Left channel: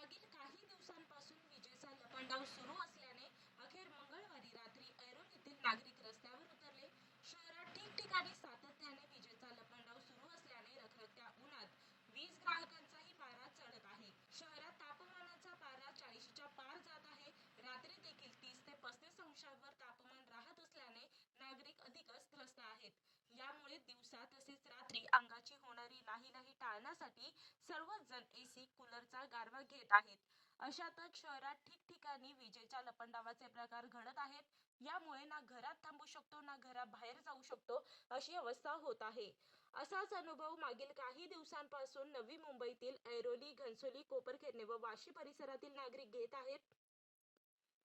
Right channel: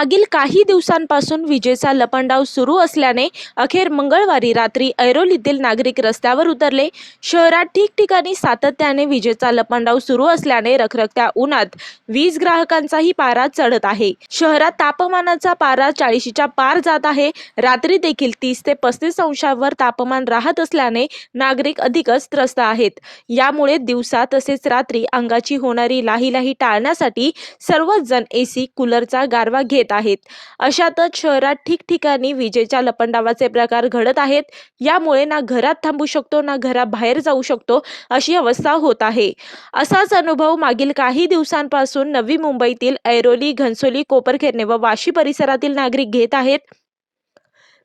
मागील काही दिवसांपासून विजेचा लपंडाव सुरू असल्याने अखेर मंगळवारी रात्री ऐरोलीतील नागरिक रस्त्यावर उतरले. शहरात ठिकठिकाणी सातत्याने विजेचा लपंडाव सुरू असल्याने रखरखत्या उन्हात वीज ग्राहकांचाही पारा चढत आहे. शहरात तापमानाचा पारा चाळीशीच्या पार जात आहे. रात्री देखील तीस ते पस्तीस अंशावर तापमान राहत असल्याने नागरिक अधिकच त्रस्त आहेत. यामुळे दिवसा तसेच रात्री अंगाची होणारी लाही लाही टाळण्यासाठी सर्वच जण एसी कूलरचा गारवा घेत आहेत. अशातच शहरात ठिकठिकाणी विजेच्या लपंडावाचे प्रकार घडत आहेत. यामुळे ना घरात थांबू शकतो ना घराबाहेर जाऊ शकतो अशी अवस्था होत आहे. असाच अनुभव मागील काही दिवसांपासून नवी मुंबईतील ऐरोली घनसोली कोपरखेरणे व वाशी परिसरातील नागरिक घेत आहेत.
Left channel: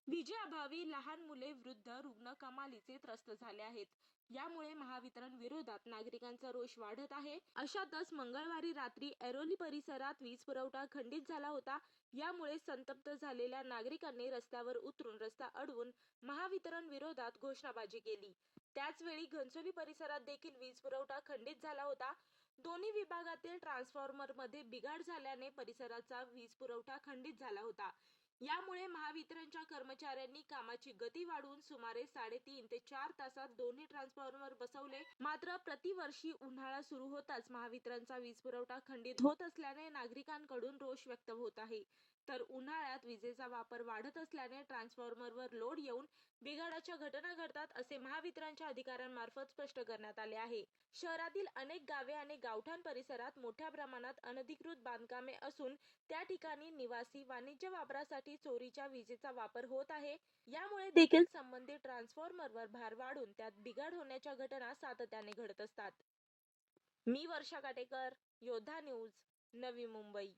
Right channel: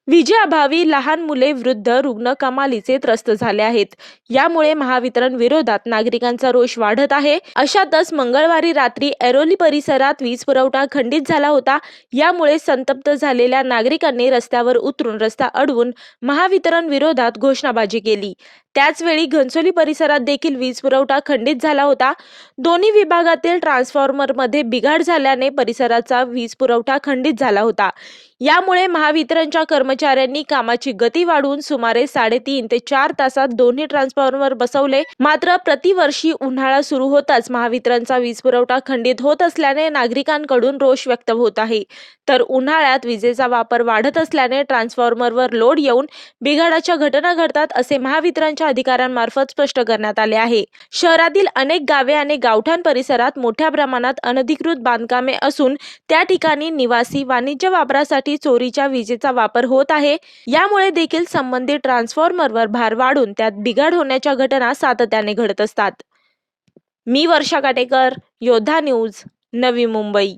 विजेअभावी लहान मुले वृद्ध रुग्ण कमालीचे त्रस्त झाले आहेत. यामुळे महावितरण विरोधात नागरिकांचा रोष वाढत आहे. अशातच मंगळवारी रात्री ऐरोली परिसरात वीज पुरवठा खंडित झाला होता. यामुळे संतप्त झालेल्या नागरिकांनी रस्त्यावर उतरून रस्ता अडवून महावितरण विरोधात घोषणाबाजी केली. त्याचवेळी घनसोली परिसरात देखील वीज पुरवठा खंडित झाला होता. दोन्ही विभागातील ट्रान्सफॉर्मरमध्ये बिघाड झाल्याने परिसराचा वीज पुरवठा खंडित झाला होता. यामुळे महावितरणच्या कर्मचाऱ्यांनी कामाची गती वाढवून सुमारे साडेतीन ते चार तासात दोन्ही ट्रान्सफॉर्मर बसवले. मात्र प्रतिवर्षी उन्हाळा सुरू होताच महावितरणचा वीज पुरवठा खंडित होत असल्याने नागरिकांकडून रोष व्यक्त होत आहे. तर उन्हाळ्यात विजेचा वापर वाढत असल्याने ट्रान्सफॉर्मरवर लोड येऊन बिघाडाच्या घटना घडतात असे महावितरणच्या अधिकाऱ्यांमार्फत स्पष्ट करण्यात आले आहे. शहरातील अनेक गावे आणि गावठाण परिसरात मोठ्या प्रमाणात अनधिकृत बांधकामे असून त्या ठिकाणी निवासी वाणिज्य वापरासाठी चोरीच्या विजेचा वापर होत आहे. यामुळे देखील संबंधित ट्रान्सफॉर्मरवर भार वाढून त्यात बिघाड होण्याच्या घटना सातत्याने घडत असतात. मी वर्षा काटेकर योद्धा न्यूज नवी मुंबई.